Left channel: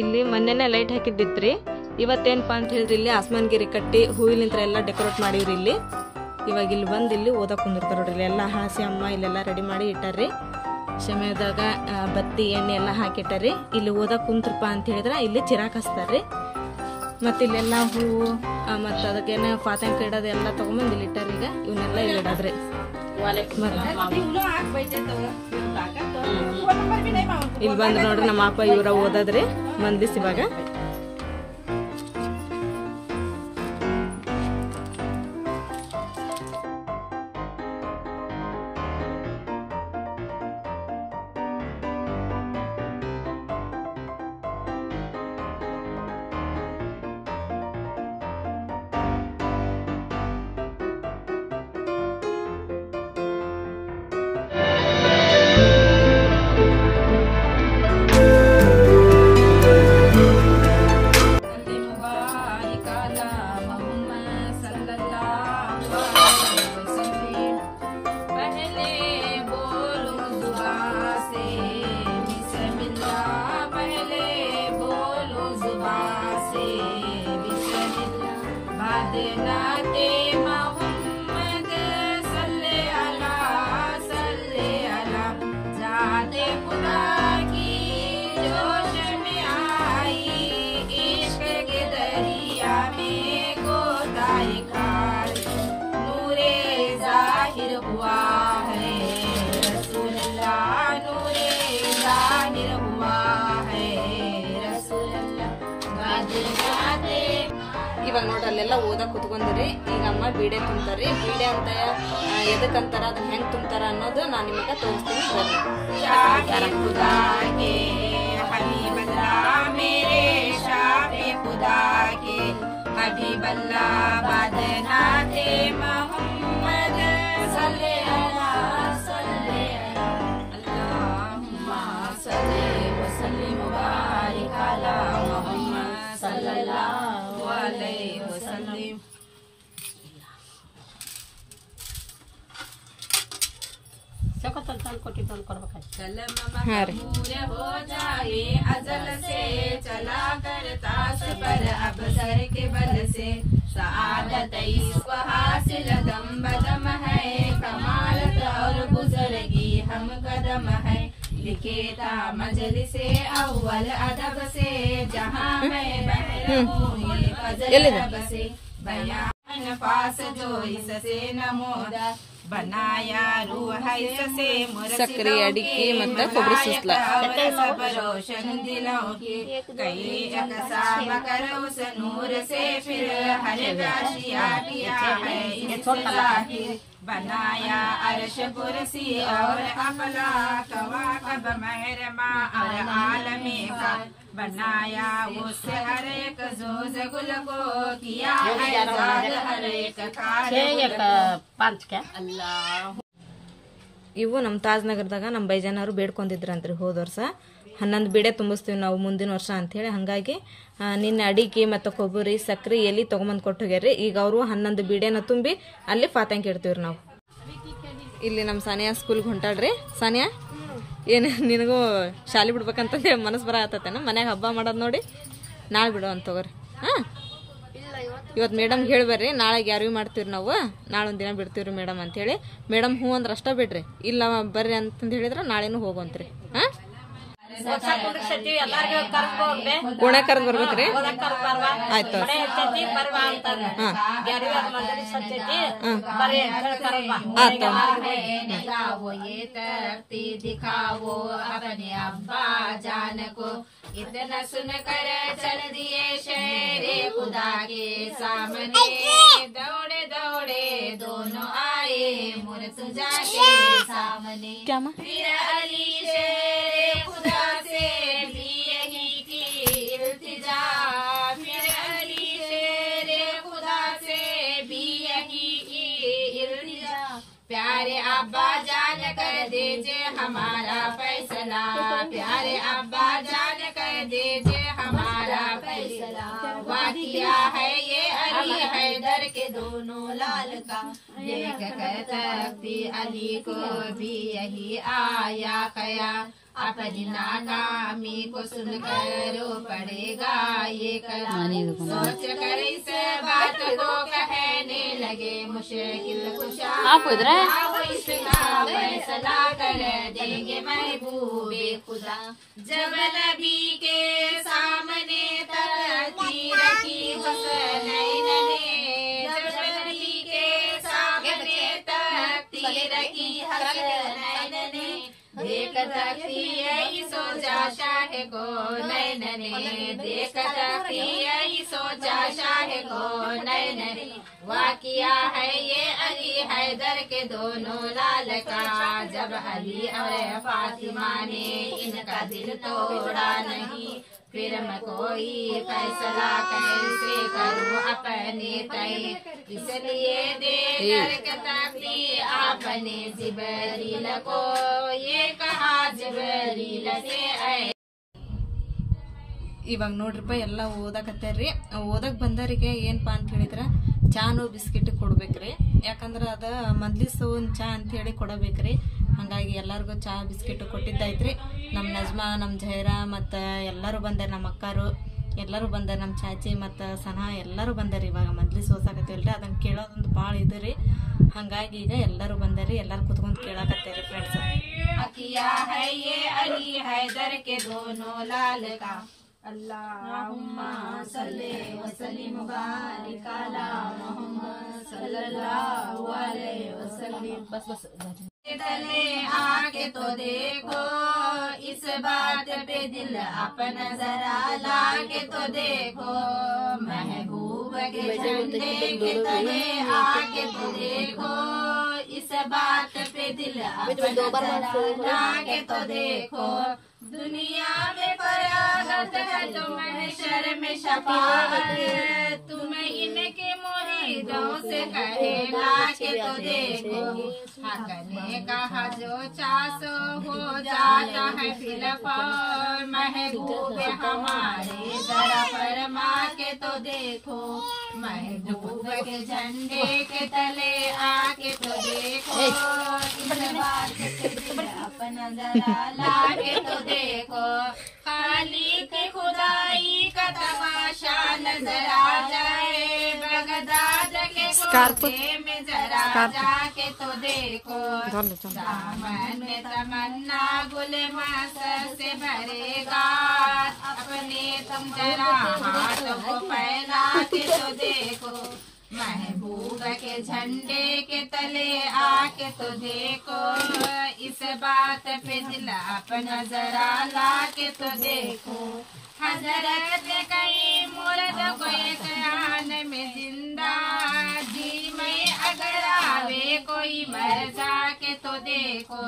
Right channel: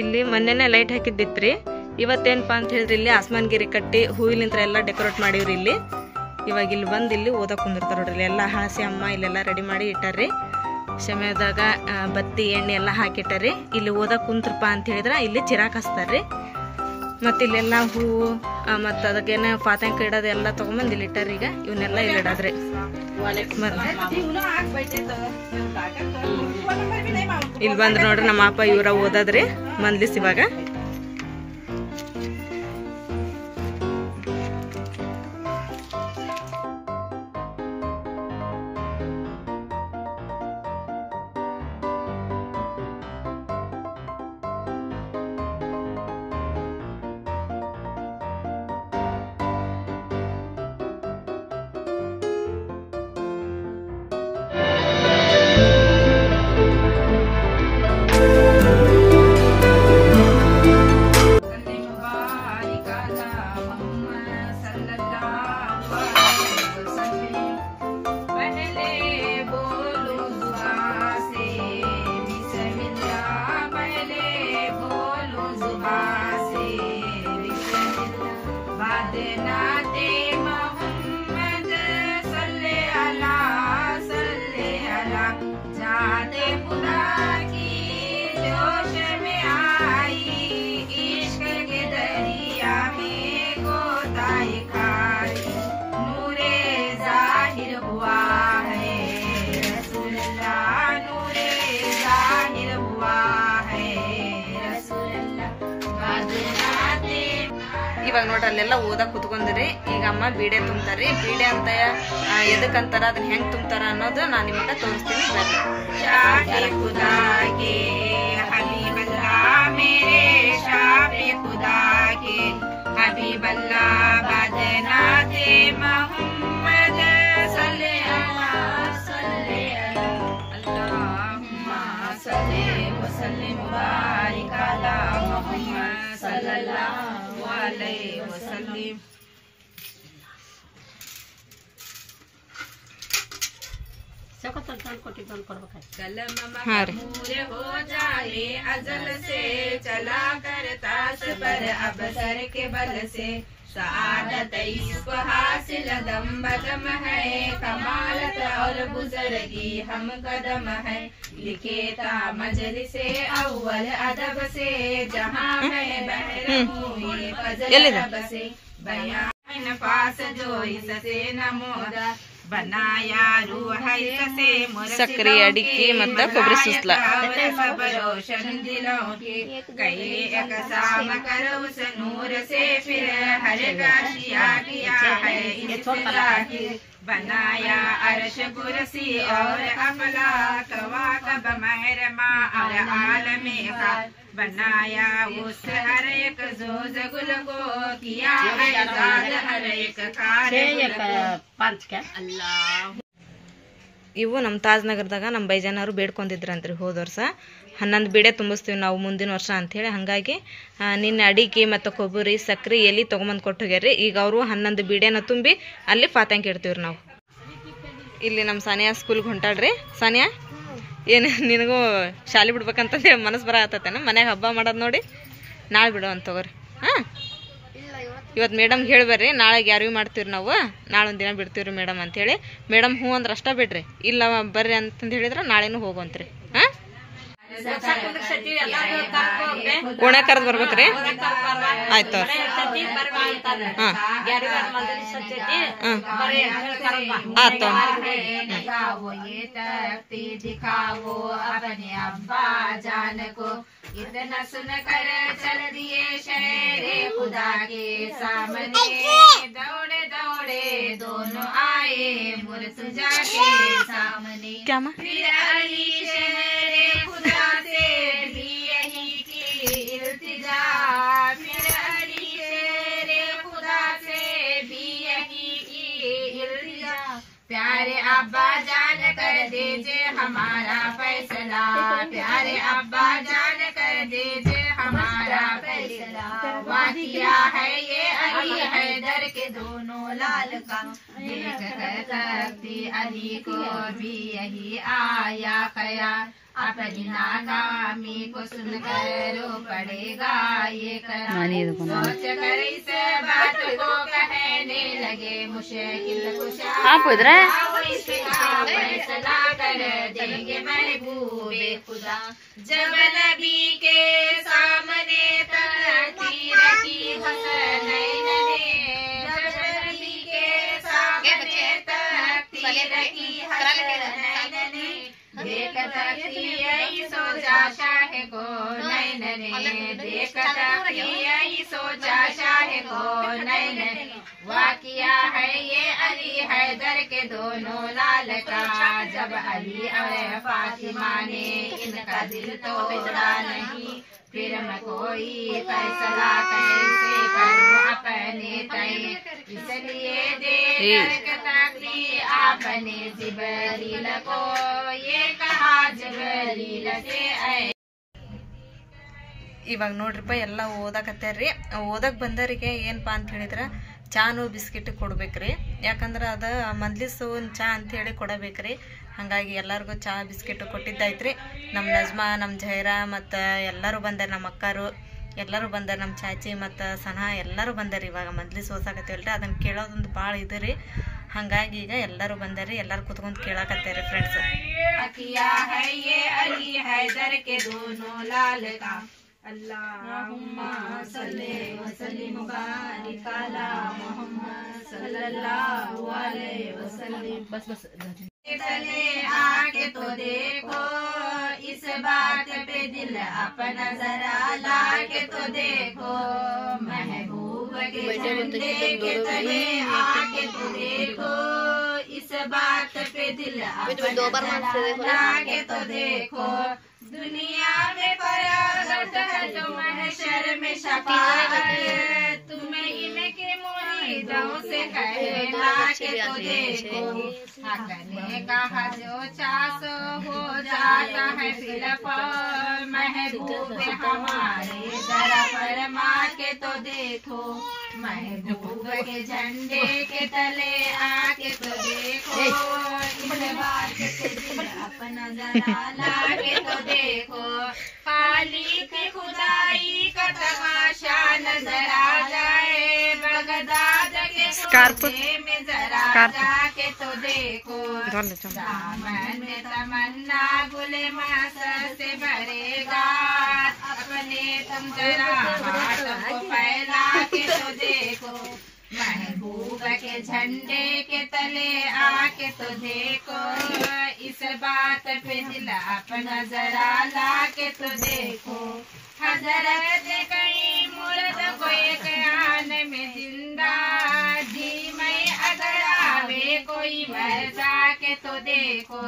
ಇಲ್ಲಿ ಮೊನ್ನೆನೆ ಲೈಟ್ ಹಾಕಿದ್ದಿತ್ರಿ. ಇವತ್ತೇನಪ್ಪ ಅಂತ ಹೇಳಿದ್ರಿ ಇಲ್ಲಿ ಆಸ್ಮಾನ್ಗಿರಿ ಕಟ್ಟಿ ಹೂವಿನಿಂದ ಎಲ್ಲ ಡೆಕೋರೇಟ್ ಮಾಡಿವ್ರಿ. ಇಲ್ಲಿ ಇವಾಗ ಇಲ್ಲಿ ಬಂದು ಇಲ್ಲಿ ಓದಕ್ಕೆ ಕುಂದಿರ್ತಾರ ನೋಡ್ರಿ. ಇಲ್ಲಿ ಎಲ್ಲ ಹಾಸಿ ಅಮ್ಮ ಇಲ್ಲೆಲ್ಲ ರೆಡಿ ಮಾಡಿ ಇಟ್ಟಾರ್ರಿ. ಸಮಯದಾಗ ಬತ್ತಿ ಎಣ್ಣೆ ಎಲ್ಲ ಹಾಕಿಟ್ಟಾರ್ರಿ. ಇಲ್ಲಿ ಓದಕ್ಕೆ ಕುಂತ್ರಪ್ಪ ಅಂತ ಹೇಳಿದ್ರೆ ಇಲ್ಲಿ ಚಿರಾಕ್ ಹಚ್ತಾರ್ರಿ. ಮತ್ತು ಇಲ್ಲೆಲ್ಲ ಹೂವು ಮತ್ತು ಅದಕ್ಕೇನ ಪಾತಂಕ ಇಡೋದು ಎಲ್ಲ ತೊಗೊಂಬಂದು ಇಲ್ಲಿ ಇಟ್ಟಾರ್ರಿ. ಈಗ ಇವನ್ನೆಲ್ಲ ಇಲ್ಲಿ ಇಡೋದ್ರಿ. ಇಲ್ಲಿ ಬಂದ್ರೆ ನೋಡ್ರಿ ನಮ್ಮ ಅಪ್ಪ ಇವರ ಓದದ್ರಿ ಮಂದ್ಲಿಸ್ ಇವಾಗ. ಇವಾಗ ನೋಡ್ರಿ ಅಲ್ಲೆಲ್ಲ ಓದಕ್ ಕುತ್ಕೊಂಡ್ರಿ. ಈಗ ಅಮ್ಮ ಬೀಡೆ ತುಂಬ್ತಾರ್ರಿ. ಬೀಡೆ ಅಂತ ಎದಕ್ಕಂತಾರ ಅದನ್ನ ಹೆಂಗ್ ತುಂಬ್ತಾರ ಅನ್ನೋದು ನಾನ್ ನಿಮಗ ತೋರಿಸ್ತೀನಿ ಬರ್ರಿ. हाँ रे हो जाए अजल से चला करता सफर अब सर के बल से सआदत इसको हासिल दम बदम है कमालत और गुजरगी हम कदम है लिखे था मजलिस से अव्वल अदब से जहाँ मैं बहर हुई फजल से बयान पास जो इससे नमोदा बनाया रूह से सक्री अडिके मत कोबरी सुस्ला रोशन दिलों की कई अकसाम कर उस नूर से फिर हर आशिया किया है इससे बनाया अर्श कुर्सी और अफलाक वाकब महरमा और आलमे का बनाया उस हर एक जोज गुल को किया है ज़ाद हर एक ಇವು ನಮ್ಮ ತಾಜ್ ನಗರದಾಗ ನಮ್ಮ ಬೈಜಾನವರು ಬೇಡ್ಕೊಂಡಿದ್ರಂತ್ರಿ. ಹೋದ ವರ್ಷ 11 ಬೀಡೆ ತುಂಬಿಸ್ತೀವಿ ನಾವು ಮುಂದಿನ ವರ್ಷ ಅಂಥೇಳಿ. ಹಾಗಾಗಿ ನಿನ್ನೆ ಅಡಿಕೆ ಮತ್ತು ಕೊಬ್ಬರಿ ಸಕ್ರೆ ಎಲೆ ತೊಗೊಂಬಂದು ಕೊಟ್ಟು ಹೋಗ್ಯಾರ್ರಿ. ಈಗ ಅವರು 11 ಬೀಡೆನ ತುಂಬಿ ಅಲ್ಲಿ ಫಾತಂಕ ಇಡ್ತೀವ್ರಿ ನಾವು. ಇಲ್ಲಿ ನಮ್ಮ ಸಾನಿಯಾ ಸ್ಕೂಲ್ಗೆ ಹೊಂಟಾಡ್ರಿ. ಸಾನಿಯಾ ಏನು ನಿನಗೂ ಶಾಲೆ ಬಿಡ್ಬೇಕಂತಂದು ಮನಸ್ಸು ಬರ ಆತತೇನ? ಮನ್ಯಾಗ ಹಬ್ಬ ಮಾಡೋದು ನೋಡಿ ನಾಳೆ ಬಿಡೋ ಅಂತ ತಗೋರಿ. ಹಾಂ, ಇವತ್ತು ಮೇಡಮ್ಗೆ ಹೇಳಿ ಬರ್ರಿ, ನಾಳೆಗೆ ಯಾರಿಗೂ ಮಾಡ್ತೀವ್ರಿ ನಾವು, ನಾಳೆ ಒಂದು ದಿನ ಬಿಡ್ತೀವ್ರಿ ಮೇಡಮ್ ಅಂಥೇಳಿ. ಮೇಡಮ್ ಹ್ಞೂ ಅಂದ್ರೆ ಅಷ್ಟೇ ಬಿಡ್ರಿ, ಇಲ್ಲ ಬರ್ರಿ ಅಂತಂದು ಹೇಳಿದ್ರೆ ನಾಳೆನೂ ಹೋಗುವಂತ್ರಿ. ಹಾಂ, ಓಣೆ ಕರೆದು ಬರ್ಬೇಕ್ರಿ. ಆಯ್ತು इतना सुन कर चल दिए शहरे खुदा के सामने दौड़े दौड़े दोनों आए मुर्तजा के सामने। क्या माँ? फिर अली शेरे खुदा से भी यही की इल्तिजा, फिर अली शेरे खुदा से भी यही की इल्तिजा। प्यारे अब्बा जान कर दीजिए हमारा फैसला, प्यारे अब्बा जान कर दीजिए हमारा फैसला। वाकिया है ये अली हैदर के दोनों लाल का, देख कर तख्ती अली को भी यही आया ख्याल। अपनी नाकामी को सुनकर रो पड़ेगा ये करार। सोच कर इस बात को कहने लगे मुश्किल कुशा, इसका फैसला कर देंगे महबूबे खुदा। जब नबी के सामने तकदीर की हसनैन ने, जब नबी के सामने तकदीर की हसनैन ने, देख तकिए सोचा शाह को नैन ने, देख तकिए सोचा शाह को नैन ने। वाकिया है ये अली हैदर के दोनों लाल का, जब अली और फातिमा ने इनका दिल तोड़ा नहीं, फिर मैं कोई फैसला कैसे करूं अपने तय। इसलिए देकर तकदी आपने जिबरील को ये कहा जिबरील से आए। ಇವಾಗ ನೋಡ್ರಿಪ್ಪ ಎಲ್ಲ ಓದಾಕತ್ತಾರ್ರಿ. ಓದಕ್ ಬಂದವರಿಗೆ ಏನಪ್ಪಾ ಅಂತ ಹೇಳಿದ್ರೆ ಚಾನು ಬಿಸ್ಕಿಟ್ ಕೊಡ್ಬೇಕ್ರಿ. ಯಾಕಂದ್ರೆ ಅದ ಮಂದ್ಲಿಸ್ ಒಂದು ಚಾ ಅಂತ ಹೇಳಿ ಕೊಡಬೇಕ್ರಿ. ಹಾಗಾಗಿ ಎಲ್ಲರಿಗೂ ಚಾ ಬಿಸ್ಕಿಟ್ ಕೊಟ್ಟಿದ್ದೈತ್ರಿ. ನಮ್ಮ ನಜ್ಮಾ, ನಮ್ಮ ಜೈರಾ ಮತ್ತು ಎಲ್ಲರೂ ಬಂದಾರೆ, ನಮ್ಮ ಅಕ್ಕರು ಎಲ್ಲರೂ ಬಂದಾರೆ, ನಮ್ಮ ಚಾಚಿ ಮತ್ತು ಸನಾ ಎಲ್ಲರೂ ಬಂದಾರೆ. ಇವಾಗ ಮಂದ್ಲಿಸ್ ಓಸಾಕತ್ತೀವಲ್ರಿ, ಅದನ್ನು ಕೇಳೋದೊಂದು ಭಾಳ ಇದು ರೀ. ಹಾಗಾಗಿ ಈಗ ಎಲ್ಲರೂ ಬಂದಾರಿ, ಎಲ್ಲರೂ ಕುತ್ಕೊಂಡು ಕೇಳಾಕತ್ತಾರೆ ಫ್ರೆಂಡ್ಸ್. अल्लाहुम्मा सल्ली व सल्लिम मुबारिक अला मुहम्मद सल्लल्लाहु अलैहि वसल्लम। बस तले आके तो देखो इस बात पे दिल अपना जरा लाके तो देखो, महबूब के झंडे के तले आके तो देखो इस बात पे दिल अपना जरा लाके तो देखो। दुनिया में फरागत है जो महशर में शफाअत, तुम्हें इनके मुरीदों से कहला के तो देखो। हक ने कहा जो चासो हो जाता है फिलफौर, महबूब हमारे जरा फरमा के तो देखो, महबूब के झंडे के तले आके तो देखो। इस बात पे दिल अपना जरा लाके तो देखो, खाली की खुदाई का तमाशा नजर आ जाए, बगदाद के कोने में जरा जाके तो देखो। दामन में तमन्ना गुले मासर से भरेगा, अपने तुम जरा हाथों को फैला के तो देखो, महबूब के झंडे के तले आके तो देखो। इस बात पे दिल अपना जरा ला के तो देखो। हजरत कई मुर्द को एक आन में जिंदा, जी मैं अगर आवे कोई मर जाके तो देखो।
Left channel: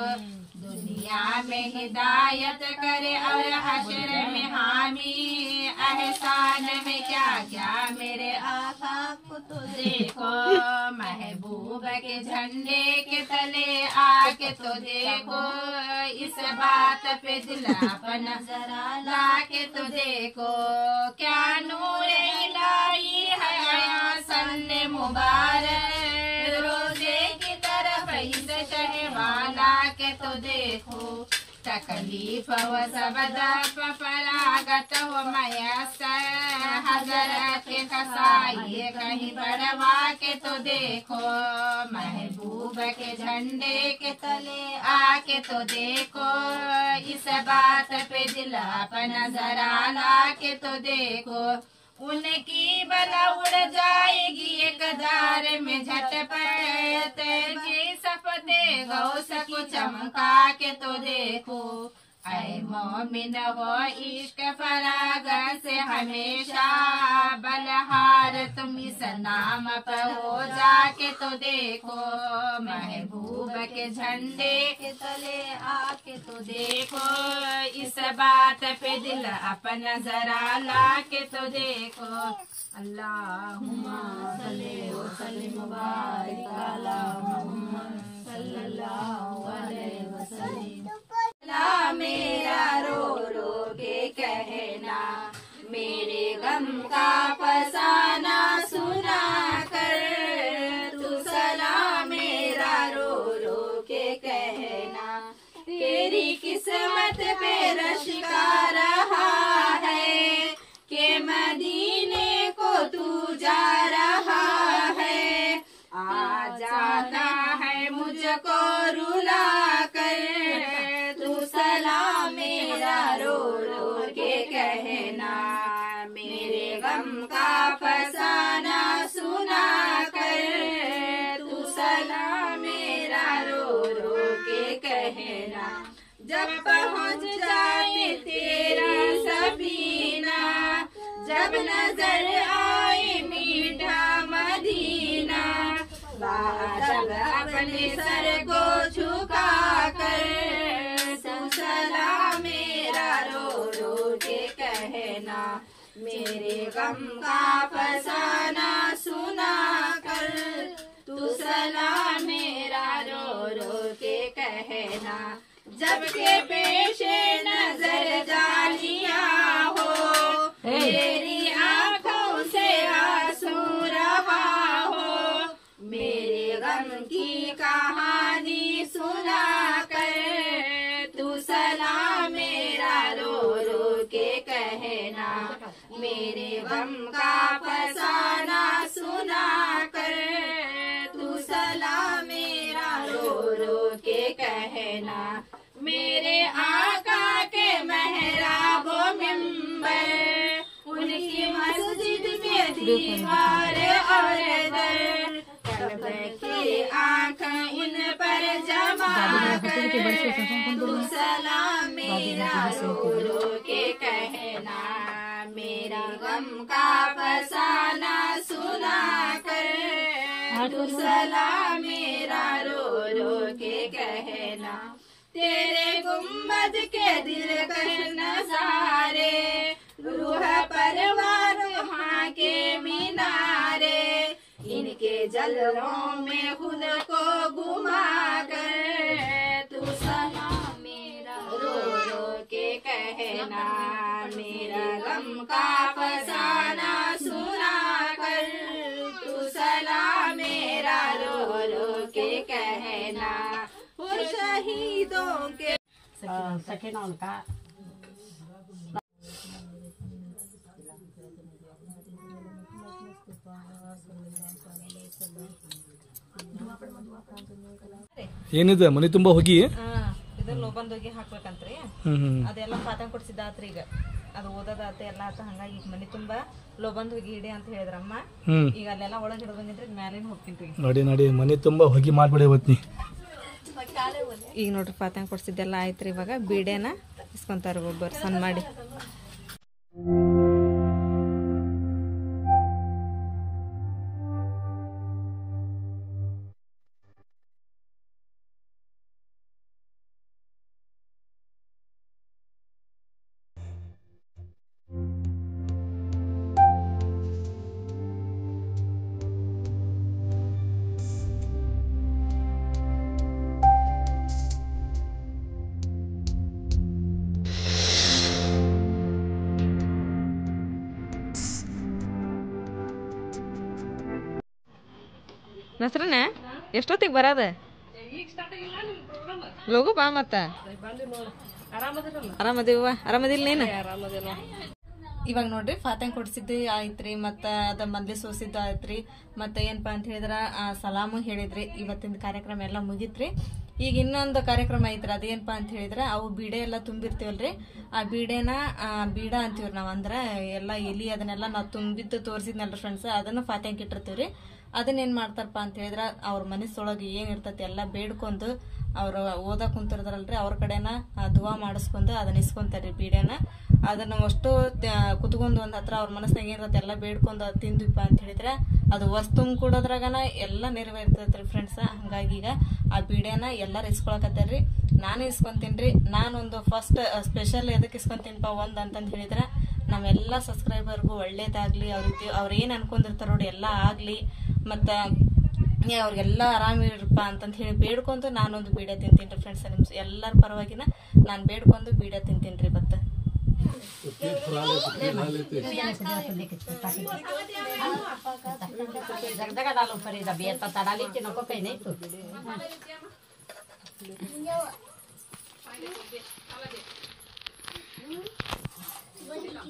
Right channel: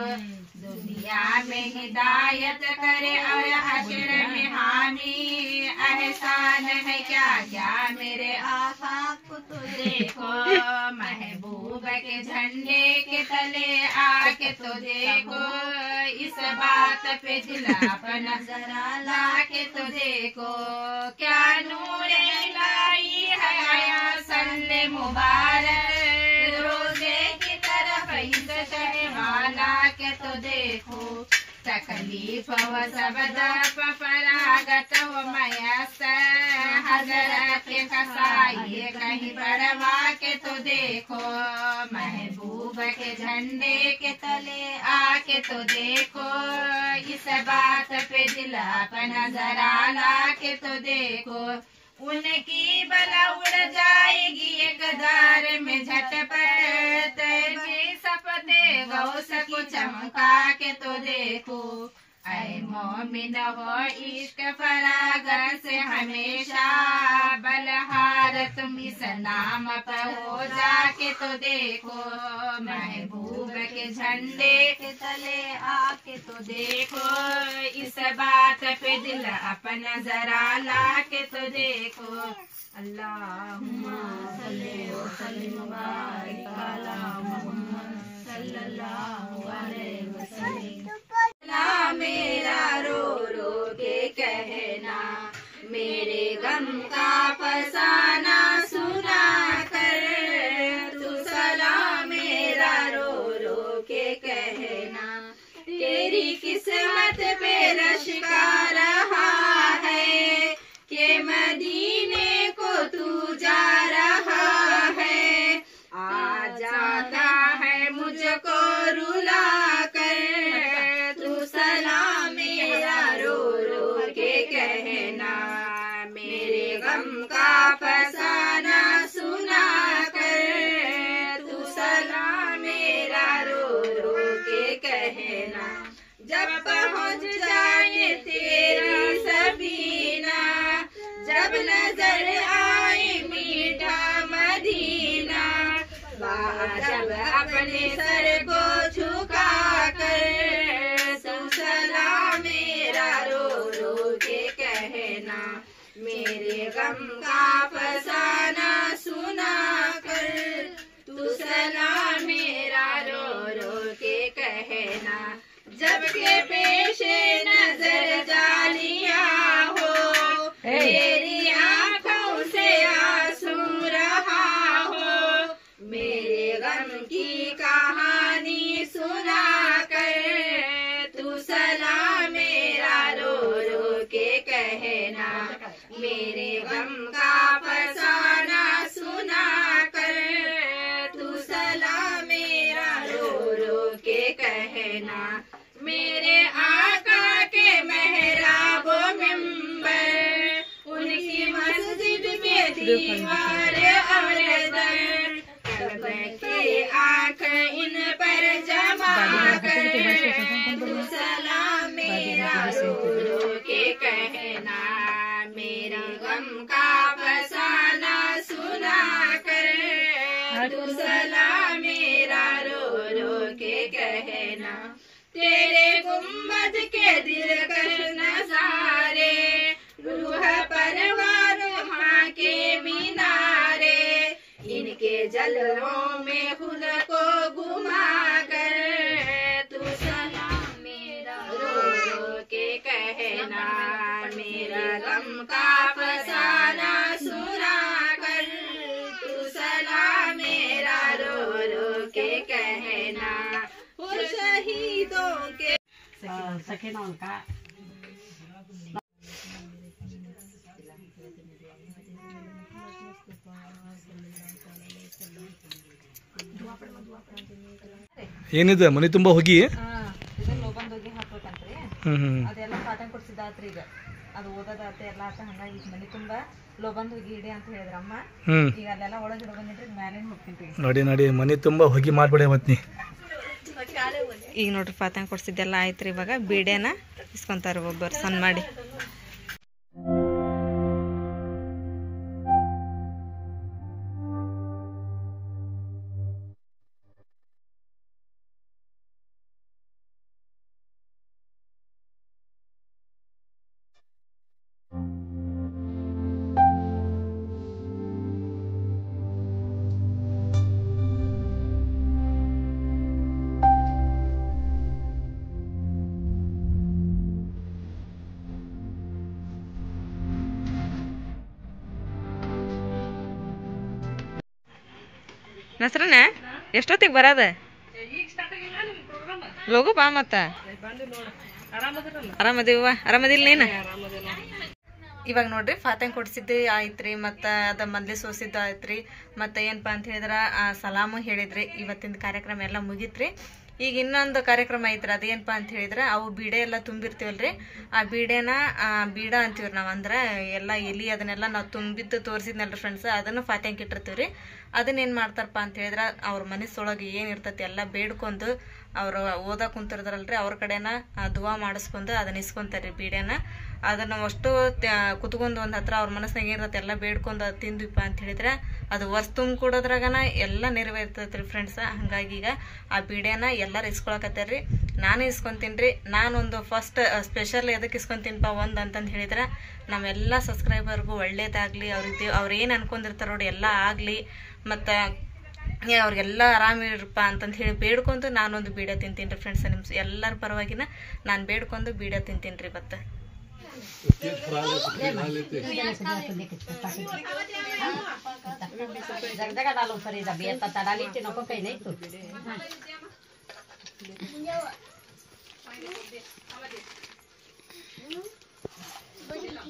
दुनिया में हिदायत करे और हशर में हामी, एहसान है क्या क्या मेरे आका को तो देखो, महबूब के झंडे के तले आके तो देखो। इस बात पे दिल अपना जरा ला के तो देखो, क्या नूर इलाही है आया सल्ले मुबारक, रोजे की तरफ इस शहवाला के तो देखो। तकलीफ व सबदा फरागत व मयसर, हजरत के कसाई कहीं बढ़वा के तो देखो, महबूब के झंडे के तले आके तो देखो। इस बात पे दिल अपना जरा ला के तो देखो, उनकी बला उड़ जाएगी एक दार में झटपट, तेजी सपते गौस को चमका के तो देखो। ऐ मोमिन हो इश्क फरागत से हमेशा, बलहार तुम इस नाम पर हो जाके तो देखो, महबूब के झंडे के तले आके तो देखो। इस बात पे दिल अपना जरा ला के तो देखो। अल्लाहुम्मा सल्ली व सल्लिम मुबारिक अला मुहम्मद सल्लल्लाहु अलैहि वसल्लम। मेरा रो रो के कहना, मेरे गम का फसाना सुना कर, तू सलाम मेरा रो रो के कहना, तेरी किस्मत पे जब पहुँच जाए तेरा सफीना, जब नजर आए मीठा मदीना, जब अपने सर को झुका कर तू सलाम मेरा रो रो के कहना, मेरे गम का फसाना सुना कर तू सलाम मेरा रो रो के कहना। जब के पेशे नजर जालियां हो, मेरी आंखों से आंसू रहा हो, मेरे गम की कहानी सुना कर तू सलाम मेरा रो रो के कहना, मेरे गम का फसाना सुना कर तू सलाम मेरा रो रो के कहना। मेरे आका के मेहराब मिंबर, उनकी मस्जिद के दीवार और दर, कल्ब की आँख इन पर जमा कर तू सलाम मेरा रो रो के कहना, मेरा गम का फसाना सुना कर तू सलाम मेरा रो रो के कहना। तेरे गुम्बद के दिलकश नजारे, रूह परवार वहाँ के मीनारे, इनके जलवों में खुद को घुमा कर तू सलाम मेरा रो रो के कहना, मेरा गम का फसाना सुना कर तू सलाम मेरा रो रो के कहना। शहीदों के सखीना उनका ಏನಿದೆ ಮನೆ ತುಂಬಾ ಹೋಗಿ ಇದು ಲೋಬಂದ್ ಹೋಗಿ ಹಾಕ್ಬೇಕಂತ್ರಿ, ಅದೆಲ್ಲ ಪಾಠ ಕೊಡ್ಸಿದ್ದಾತ್ರಿ. ಈಗ ಅದು ಓದೋದಾತ ಎಲ್ಲ ಆತ, ಹಂಗಾಗಿ ಈಗ ಮನೆ ತುಂಬಾ ಲೋಬಂದ್ ಹೋಗಿ ಇಡಿ ಅಂತ ಹೇಳಿದ್ರಮ್ಮ. ಈಗ ಅಲ್ಲೆಲ್ಲ ಒಳಗೆ ಹಿಡಿದು ಬಂದಿನ್ರಿ, ಮ್ಯಾಲಿನ ಹೋಗ್ತೀನಿ. ನೋಡಿ ನೋಡಿ ಮನೆ ತುಂಬಾ ಹೋಗಿ ಮಾಡ್ಬೇಡ ಇವತ್ತಿ. ಈಗ ನೋಡ್ರಿ ಪಾತಂಗ್ ಕೊಡ್ಸಿದ್ದೆಲ್ಲ ಆಯ್ತ್ರಿ. ಇವಾಗ ಬೀಡೆನ ಇಸ್ಕೊಂತಾರ ಒಬ್ಬರು ಸಣ್ಣ ಮಾಡಿ. ನಸ್ರನ ಎಷ್ಟೊತ್ತಿಗೆ ಬರದ? ಲೋಗು ಬಾ ಮತ್ತ. ಆರಾಮದಿವ? ಆರಾಮದಿಲ್ಲ ನೀನು? ಇವಾಗ ನೋಡ್ರಿ ಫಾತಂಗ್ ಕೊಡ್ಸಿದ್ದೆ ಆಯ್ತ್ರಿ, ಮತ್ತು ಅದ ಮಂದಿ ಸೋಸಿದ್ದು ಆಯ್ತ್ರಿ, ಮತ್ತು ಏನಪ್ಪ ಅಂತ ಹೇಳಿದ್ರೆ ಸಲಾಮು ಹೇಳಿದ್ರಿ. ಇವತ್ತಿನ ಕಾರ್ಯಕ್ರಮ ಎಲ್ಲ ಮುಗೀತ್ರಿ. ಈಗ ಇನ್ನೊಂದು ಕಾರ್ಯಕ್ರಮ ಐತ್ರಿ, ಅದೇನಪ್ಪ ಅಂತ ಹೇಳಿದ್ರೆ ಅವು ಬೀಡೆ ಎಲ್ಲ ತುಂಬಿರ್ತೀವಲ್ರಿ, ಆ ಬೀಡೆನ ಬೀಡ ಅಂತೀವ್ರಿ ನಾವು. ಅಂದ್ರೆ ಎಲ್ಲ ಎಲಿ ಅದನ್ನೆಲ್ಲ ನಾವು ತುಂಬಿದ್ದು ತೋರಿಸಿದ್ನಲ್ರಿ ಫ್ರೆಂಡ್ಸ್, ಅದನ್ನು ಫಾತ್ಯಾಂಗ್ ಇಟ್ಟಿರ್ತೀವ್ರಿ. ಅದನ್ನೇನು ಮಾಡ್ತಾರಪ್ಪ ಅಂತ ಹೇಳಿದ್ರೆ ಅವ್ರ ಮನಸ್ಸೊಳಗೆ ಏನಿರ್ತೈತಿ ಎಲ್ಲ ಬೇಡ್ಕೊಂಡು ಅವ್ರು ಓದಕ್ಕೆ ಕುಂತಿರ್ತಾರಲ್ರಿ, ಅವ್ರ ಕಡೆನ ದುವಾ ಮಾಡಿಸ್ಕೊಂಡು ಅದನ್ನ ಇಸ್ಕೊಂತಾರ್ರಿ ಬೀಡೆನ. ಅದನ್ನು ಅಷ್ಟು ಕುತ್ಕೊಂಡು ಒಂದು ಹತ್ರ ಅವ್ರ ಮನಸ್ಸಿನಾಗ ಏನಿರ್ತೈತಿ ಎಲ್ಲ ಬೇಡ್ಕೊಂಡು ಅದು ತಿಂದ್ವಿಪ್ಪ ಅಂತ ಹೇಳಿದ್ರೆ ಅದು ವರ್ಷ ತುಂಬ ಕೊಡೋದ್ರಾಗನ ಎಲ್ಲ ನೆರವೇರ್ತೈತ್ರಿ ಫ್ರೆಂಡ್ಸ್. ಹಂಗಾಗಿ ಈಗ ಆ ಬೀಡೆನ ಎಲ್ಲರೂ ಇಸ್ಕೊಳಕತ್ತಾರ್ರಿ, ನಾನು ಇಸ್ಕೊಂತೀನಿ ರೀ. ನಾನೊಂದು ಫಸ್ಟ್ ಸ್ಪೆಷಲ್ ಎದಕ್ಕೆ ಇಸ್ಕೊಂತೀನಿಪ್ಪ ಒಂದು ಅಂತಂದು ಹೇಳಿದ್ರೆ ನಮ್ಮೆಲ್ಲ ಸಬ್ಸ್ಕ್ರೈಬರ್ಗೂ ಒಳ್ಳೇದಾಗಲಿ, ಅವ್ರು ಏನು ಅನ್ಕೊಂಡಿರ್ತಾರೆ ನೋಡಿ ಎಲ್ಲ ಆಗಲಿ, ಮತ್ತು ಅವ್ರಿಗೆಲ್ಲ ಆರಾಮಿರಪ್ಪ ಅಂತಂದು ಹೇಳಿ ಬೇಡ್ಕೊಂಡು ನಾನೊಂದು ಬೀಡ ತಿಂತೀನಿ ರೀ ಫ್ರೆಂಡ್ಸ್. ನಿಮ್ಮ ಎಲ್ಲರ ಪರವಾಗಿನ ನಾನು ಬೇಡ್ಕೊಂಡು ಬೀಡ ತಿಂತೀನಿ ರೀ. ಮತ್ತೆ जगदगा डालो फरीदा बेर पत्ता डाली के नको कहीं नहीं तो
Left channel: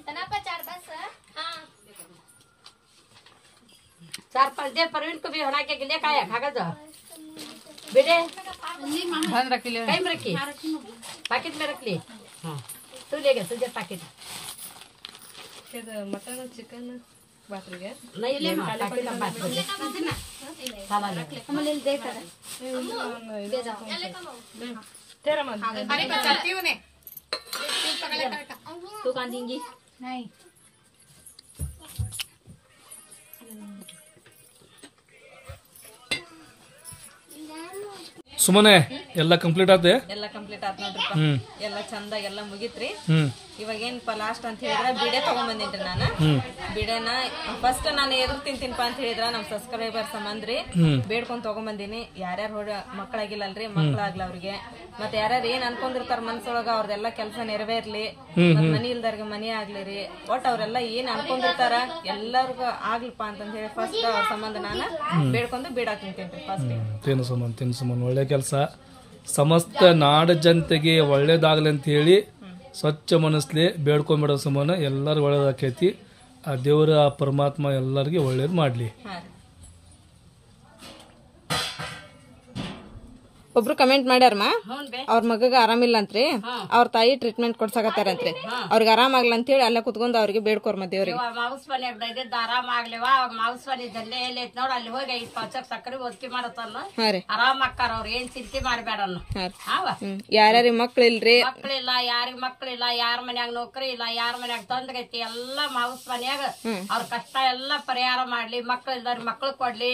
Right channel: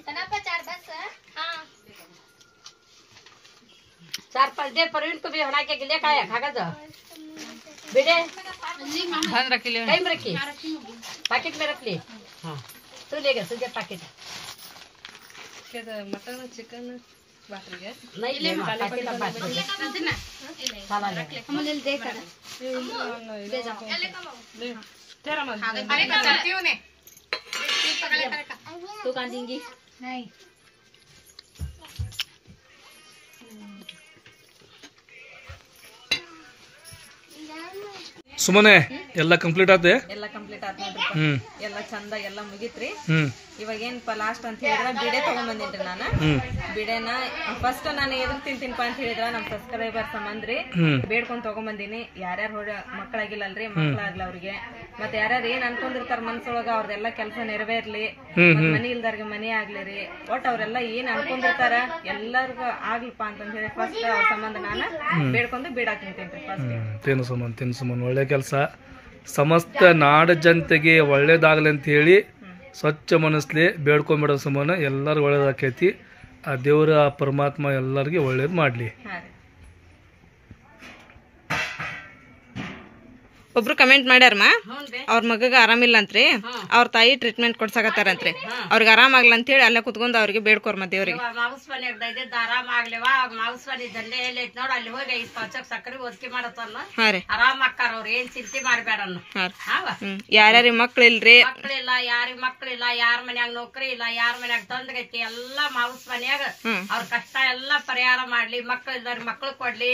तना पर चार बस हां चार पांच दे परवीन को भी हना के ले खाया खागा जा बेटे ध्यान रख ले, कहीं में रखी पैकेट में रख ले. हाँ तू लेगा तुझे पैकेट ಮಟನ್ ಚಿಕನ್ ಬಾಟ್ರಿಗೆ नहीं ले पैकेट का बात साला ले हम ले दे कर ले तू कहाँ देंगी नहीं ಸುಮ್ಮನೆ ಎಲ್ಲ ಕಂಪ್ಲೀಟ್ ಆತೆ. ಎಲ್ಲ ಕಂಪ್ಲೀಟ್ ಆತ್ ನೋಡ್ರಿ. ಹ್ಮ್ ಎಲ್ಲ ಚಂದ ಎಲ್ಲ ಮುಗಿತ್ರಿ. ಹ್ಮ್ ಇವಾಗ ಏನಪ್ಪ ಲಾಸ್ಟ್ ಅಂತ ಹೇಳಿದ್ರ ಬಿಡೆ ತಗೊಂಬಂದಿನ್ರಿ ನಾನು. ಬಿಡೆನ ಫಸ್ಟ್ ನಾನು ಎದುರು ತಿಂತೀನಪ್ಪ ಅಂತ ಹೇಳಿದ್ರ ನಮ್ ಸಬ್ಸ್ಕ್ರೈಬರ್ಸ್ ಸಂಬಂಧ್ರಿ ಬೇಡ್ಕೊಂಡ್ ತಗೊಂಬಂದಿನಿ. ಯಾರ್ಯಾರು ಮಕ್ಕಳಾಗಿಲ್ಲಲ್ರಿ, ಮಕ್ಕಳಾಗ್ಲ ಅವ್ರಿಗೆ ಮತ್ತೆ ಯಾರ್ಯಾರು ಏನ್ ಅನ್ಕೊಂಡಿರ್ತಾರ ಮನ್ಸೊಳಗ ಅವ್ರದೆಲ್ಲ ಕೆಲಸ ನೆರವೇರ್ಲಿ, ಮನಿ ಇಲ್ದಾರ್ಗೆ ಮನಿ ಆಗ್ಲಿ, ಒಟ್ ಅವ್ರೆಲ್ಲ ಏನ್ ಅನ್ಕೊಂಡಿರ್ತಾರ ಎಲ್ಲರಿಗೂ ಆಗ್ಲಿಪ್ಪ ಅಂತಂದ್ ಹೇಳಿ ಫಸ್ಟ್ ಅವ್ರ ಸಂಬಂಧ ನಾನು ಬೇಡ್ಕೊಂಡು ಬೀಡ ತಿಂತೇನ್ರಿ ಫಸ್ಟ್. ತಿನ್ನು ಸುಮನ್ ಒಳ್ಳೆ ಕೆಲಸ. ಸಮಸ್ತ ನಾಡ ಜನತೆಗೆ ಒಳ್ಳೇದಾಗಲಿ ಅಂತ ಹೇಳಿ ಸ್ವಚ್ಛ ಮನಸ್ಲಿ ಬೇಡ್ಕೊಂಡ್ಬಿಡೋ ಸುಮ್ಮನೆ ಎಲ್ಲರಿಗೂ ಒಳ್ಳೇದಾಕೈತಿ. ಆ ದೇವರ ಆ ಪರಮಾತ್ಮ ಎಲ್ಲರಿಗೆ ಒಳ್ಳೇದು ಮಾಡ್ಲಿ. ಒಬ್ರು ಕಮೆಂಟ್ ಮಾಡ್ಯಾರಮ್ಮ, ಅವ್ರ ಮಗಗ ಆರಾಮಿಲ್ಲ ಅಂತ್ರಿ, ಅವ್ರ ತಾಯಿ ಟ್ರೀಟ್ಮೆಂಟ್ ಕೊಡ್ಸಾಕತ್ತಾರಂತ್ರಿ, ಅವ್ರಿಗೆ ಆರಾಮಾಗ್ಲ ಅಂತ ಹೇಳಿ ಅಲ್ಲೇ ಕುತ್ಕೊಂಡ್ ಅವ್ರಿಗೆ ಬೇಡ್ಕೋರ್ಮ ದೇವ್ರಿಗೆ. ಮಾವುಸ್ ಮನೆಯಾಗ ದೈದಿದ್ದ ಆರಾಮ ಆಗ್ಲಿವ ಮಾವುಸ್ ಮನೆ ದಂಡೆ ಎಲ್ಲೈತ್ ನೋಡ್ ಅಲ್ಲಿ ಹೋಗಿ 5 ಪಂಚಕ್ ಸಕ್ಕರೆ ಒದಕಿ ಮಾಡತ್ತನ್ನ ಆರಾಮ ಅಕ್ಕಾರ ಅವ್ರ ಏನ್ ಚಿಂತೆ ಮಾಡ್ಬೇಡನ್ನ. ಯಾರ್ಯಾರಿಗೆ ಮಕ್ಳು ಇಲ್ರಿ, ಮಕ್ಳಿಲ್ಲ, ಯಾರಿಗ್ ಮಕ್ಳಿಲ್ಲ, ಯಾರ ಮನ್ಯಾಗ ನೌಕರಿ ಇಲ್ಲ, ಯಾರ ಮನ್ಯಾಗ ತೊಂದ್ರೈತಿ, ಎಲ್ಲಾ ಮಾವುಸ್ ಮನ್ಯಾಗ ಅವ್ರ ಕಷ್ಟ ಎಲ್ಲಾ ಪರಿಹಾರ ಮಾಡ್ಲಿ, ಮಕ್ಳು ಇಲ್ದಾರಿ ಮಕ್ಳು ಕೊಡ್ಲಿ,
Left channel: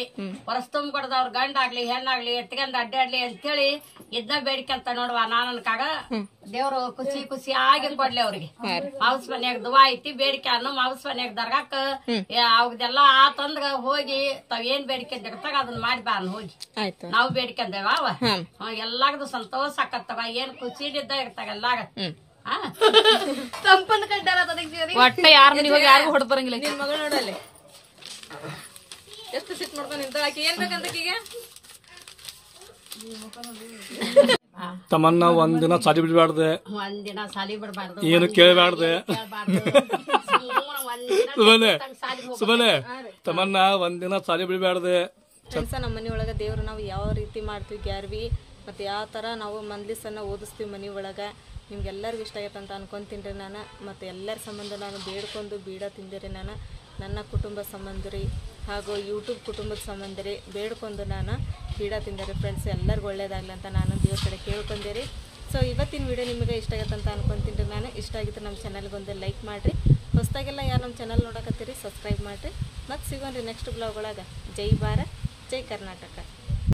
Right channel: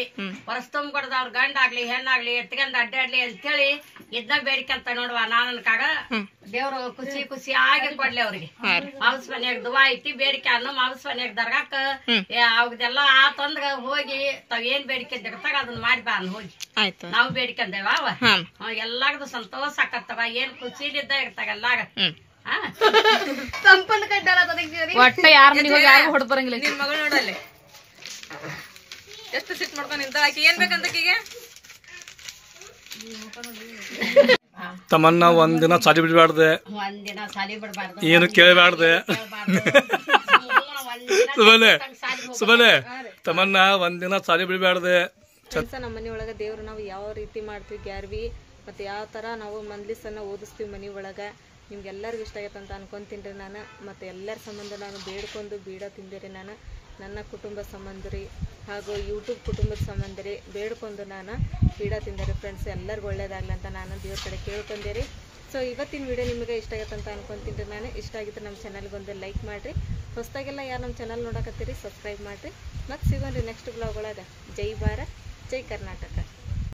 ಹೊರಸ್ ತುಂಬ ಕೊಡದ ಅವ್ರ ಗಂಡ ಆಗ್ಲಿ ಹೆಣ್ಣಾಗ್ಲಿ ಎತ್ಕೊಂಡ್ ಅಡ್ಡಾಡ್ಲಿ ಅಂತ ಹೇಳಿ ಇದನ್ನ ಬೇಡಿಕೆ ಅಂತ ನೋಡುವ. ನಾನನ್ಕಾಗ ದೇವ್ರು ಖುಷಿ ಆಗಿ ಕೊಡ್ಲಿ ಅವ್ರಿಗೆ. ಮಾವುಸ್ ಮನ್ಯಾಗ ದುವಾ ಐತಿ, ಬೇಡಿಕೆ ಅನ್ನು ಮಾವುಸ್ ಮನ್ಯಾಗ ದರ್ಗಾಕ ಅವ್ರದೆಲ್ಲಾ ಆತಂದ್ರ ಹೋಗಿ ತಾವ್ ಏನ್ ಬೇಡಿಕೆ ಜಗತ್ತಾಗ ಅದನ್ನ ಮಾಡಿ ಬಾ ಅನ್ ಹೋಗಿ ನಾವು ಬೇಡಿಕೆಂದೇವ ಎಲ್ಲಾರ್ದು ಸಂತೋಷ ಆಕತ್ತವ. ಏನ್ ಖುಷಿಲಿದ್ದ ಇರ್ತಾಗ ಎಲ್ಲಾಗ ಒಟ್ಟ ಯಾರ ಮನೆಗೆ ಯಾರು ಹೊಡ್ ಬರಂಗಿಲ್ಲ. ನಿನ್ ಮಗಳು ನೋಡಲ್ಲಿ ಎಷ್ಟು ಸಿಟ್ ಮಾಡ್ಕೊಂಡು ನಿಂತ. ಆಕಿ ಏನ್ ಬೇಕಂತಕೀಗೆ ತಮ್ಮನ್ನ ಒಂದಿನ ಸಾಲಿ ಬಿಡ್ಬಾರ್ದೆ, ಒಂದಿನ ಸಾಲಿ ಬಿಡ್ಬಾರ್ದು, ಏನು ಕೇಳಬಾರ್ದೆ. ಸುಮ್ಮನೆ ತಮ್ಮನ್ನ ಒಂದಿನ ಸಾಲಿ ಬಿಡ್ಬಾರ್ದೆ. ನಮ್ಮ ಮನೆಯೊಳಗ ದೇವ್ರು ನಾವು ಯಾವ ರೀತಿ ಮಾಡ್ತೀವಿ ಗ್ಯಾರ್ವಿ ಮತ್ತೆ ಯಾವ ತರ ನಾವು ಮಂದ್ಲಿಸನ್ನ ಓದಿಸ್ತೀವಿ ಮನಿ ಒಳಗ ನಿಮ್ಗೆಲ್ಲರಿಗೂ ಇಷ್ಟ ಆಗೈತೆ ಅಂತ ಅನ್ಕೊಂತೀನಿ ನಾನು. ಮತ್ತು ಎಲ್ಲರ ಸಂಬಂಧ ನಾನು ಬೇಡ್ಕೊಂಡು ಬೀಡ ತಿಂದಿರಿ ನಾನು, ನನ್ನ ಕುಟುಂಬ ಸಂಬಂಧರಿ ಹಾಗೂ ಯೂಟ್ಯೂಬ್ ಕುಟುಂಬದ ಸಂಬಂಧರಿ ಬೇಡ್ಕೊಂಡು ನಾನು ಬೀಡ ತಿಂದಿರಿ ಫ್ರೆಂಡ್ಸ್. ಎಲ್ಲರಿಗೂ ಒಳ್ಳೇದಾಗಲಿ ಅಂತ ನಾನು ದೇವ್ರ ಕಡೆ ಕೇಳ್ಕೊಂಡೇರಿ. ಸೊ ಇವತ್ತಿನ ವಿಡಿಯೋ ನಿಮಗೆ ಇಷ್ಟ ಆಗೈತೆ ಅಂತ ಅನ್ಕೊಂತೀನಿ ನಾನು. ಇಷ್ಟ ಆಗಿತ್ತು ನಮ್ಮ ಚಾನಲ್ಗೊಂದು ಲೈಕ್ ಮಾಡಿರಿ, ಹೊಸದಾಗೆಲ್ಲ ಯಾರು ನಮ್ಮ ಚಾನಲ್ ನೋಡಕತ್ತೀರಿ ಸಬ್ಸ್ಕ್ರೈಬ್ ಮಾಡಿರಿ. ಮತ್ತು ಸಿಗೋಣ್ರಿ ನೆಕ್ಸ್ಟ್ ಬ್ಲಾಗ್ ಒಳಗೆ. ಜೈ ಭಾರತ್, ಜೈ ಕರ್ನಾಟಕ.